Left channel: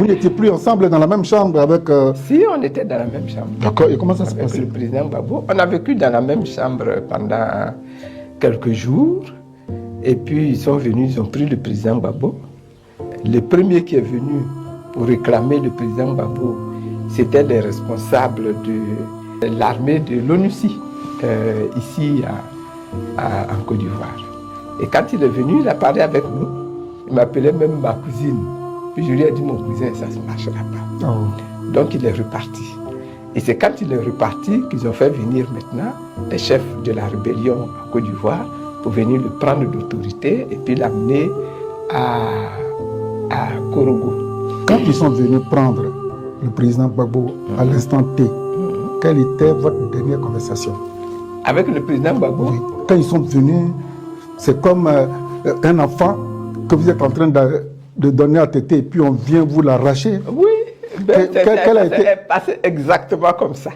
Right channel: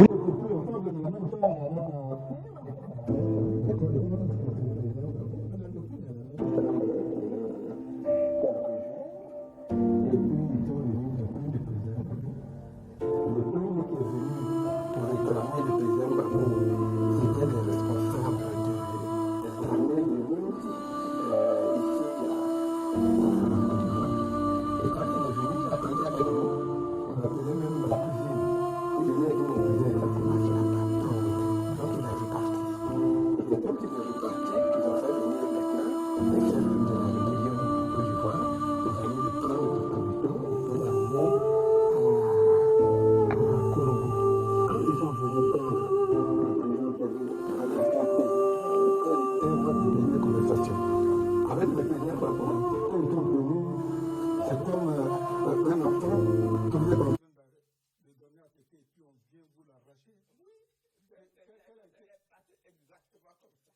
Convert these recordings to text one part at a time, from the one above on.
Vous n'étiez plus ensemble dans la même chambre avec... Si, on était dans la même chambre. D'accord, et comment ça se passait? Avec le président Gbagbo. On a vécu dans la même chambre pendant quelques jours. Et puis ils sont venus, ils ont pris le président Gbagbo. Le premier qui est venu pour réclamer le président Gbagbo, c'était les responsables de l'armée de l'ONUCI, ici en Côte d'Ivoire. Et quand il est venu, il a parlé avec nous. Il m'appelait même ma cousine. Puis je lui ai dit, mon cousin, ça ne se marchera pas. Oh. Donc il est reparti. Et c'est quand il est reparti qu'ils ont fait venir maintenant les chefs de la rébellion en Côte d'Ivoire pour venir le prendre d'autorité et puis l'amener à Korogo. Quand ils sont venus prendre le président Gbagbo à l'instant T, quelle était votre dernière conversation? Avec le président Gbagbo? Oui. Quand ils sont venus, c'est comme un enfant que vous êtes en train de donner à téter et puis on vient vous l'arracher. Oui, c'est passé exactement comme ça.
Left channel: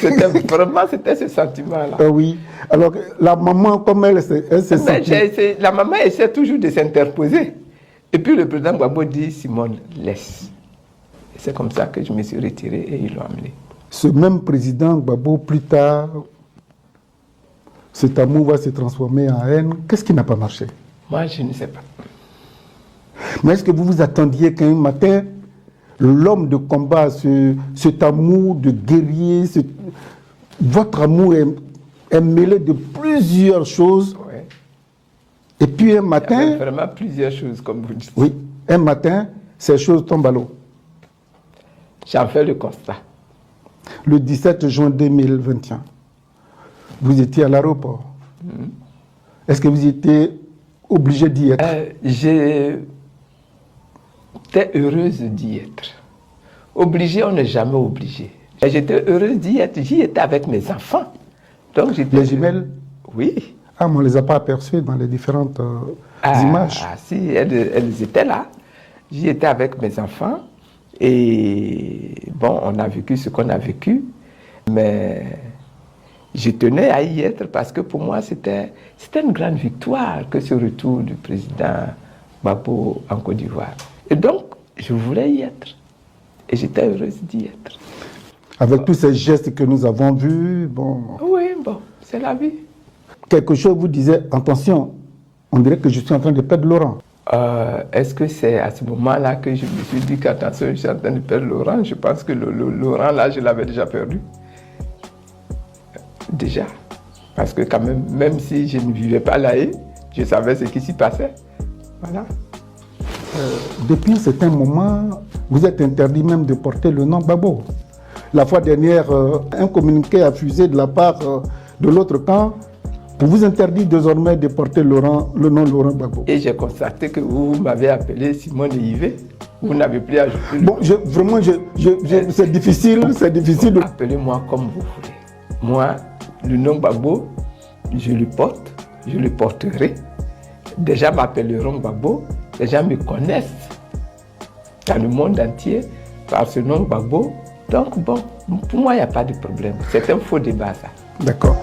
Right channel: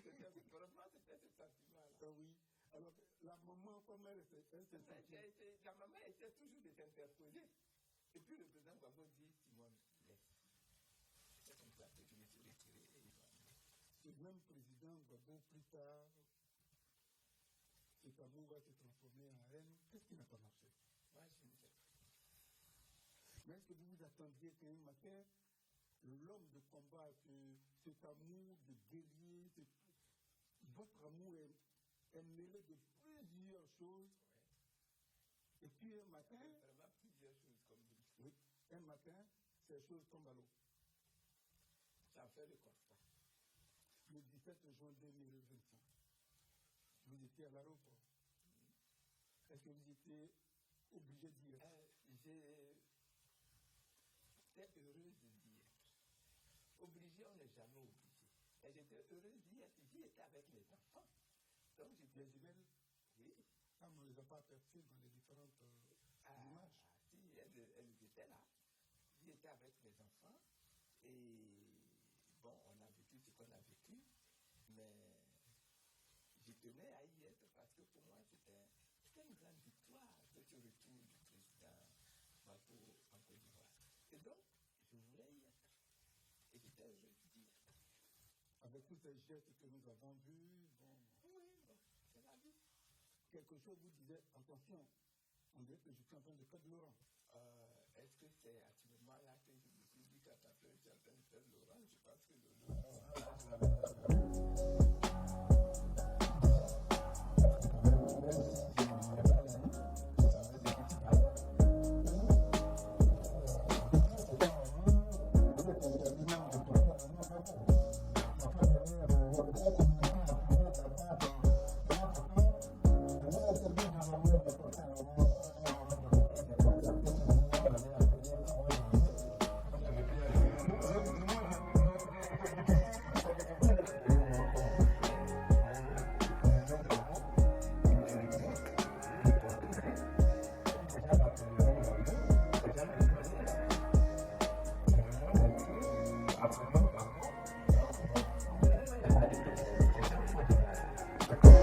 C'était ce sentiment-là. Oui. Alors, la maman, comme elle s'est sentie... La maman essaie toujours de s'interposer. Et puis le président Gbagbo dit, Simone, laisse. C'est comme ça que je me suis retiré et ils l'ont amené. Ce même président Gbagbo, plus tard, cet amour va se transformer en haine. Qu'est-ce qui n'a pas marché? Moi, je ne sais pas. Mais est-ce que vous vous attendiez qu'un matin, l'homme de combat, cet amour de guerrier, votre amour est mêlé de plusieurs choses. Ouais. Et puis un matin... Il y a vraiment plusieurs choses, comme vous dites. Oui, un matin, ces choses tombent à l'eau. J'en fais le constat. Le 17 juin 2021, vous étiez à l'aéroport. Est-ce que vous étiez obligé d'y être? J'étais heureuse d'y être. Obligé, on n'est jamais obligé. J'étais heureuse d'y être. J'y étais avec mes enfants. Donc, les jumelles? Oui. Ah, mais on ne les a pas aperçues dans les différentes images. Ah, si, elles étaient là. J'y étais avec mes enfants. Et bon, on a vécu ce qu'on a vécu. Mais je tenais à y être parce que pour moi, c'était une grande victoire que ce retour du président Gbagbo en Côte d'Ivoire. Et donc, je voulais y être. Et j'étais heureuse d'y être. Avec tous ces gestes que nous avons vus, bon... Oui, bon, c'est la vie. Quelque chose vous disait, attention, on dirait que je suis en train de perdre Laurent. Est-ce que c'est à ce moment-là que je me suis dit qu'attention, je suis en train de perdre Laurent? Je pense que Laurent, là, je l'avais déjà perdu. Déjà. Parce que quand même si je ne vivais pas là, je savais ce qui s'y passait. Voilà. Depuis un certain moment, vous êtes interdit même de porter le nom Gbagbo. La fois dernière, un communiqué a fusé de la part de l'autre camp pour vous interdire désormais de porter le nom Laurent Gbagbo. Et j'ai constaté que vous m'avez appelé Simone Yves. Vous n'avez plus ajouté le bon, vraiment, c'est difficile, de... Appelez-moi comme vous voulez. Moi, le nom Gbagbo, je le porte, je le porterai. Des gens m'appelleront Gbagbo, les gens me connaissent dans le monde entier par ce nom Gbagbo. Donc bon, pour moi, il n'y a pas de problème. C'est un faux débat, ça. D'accord.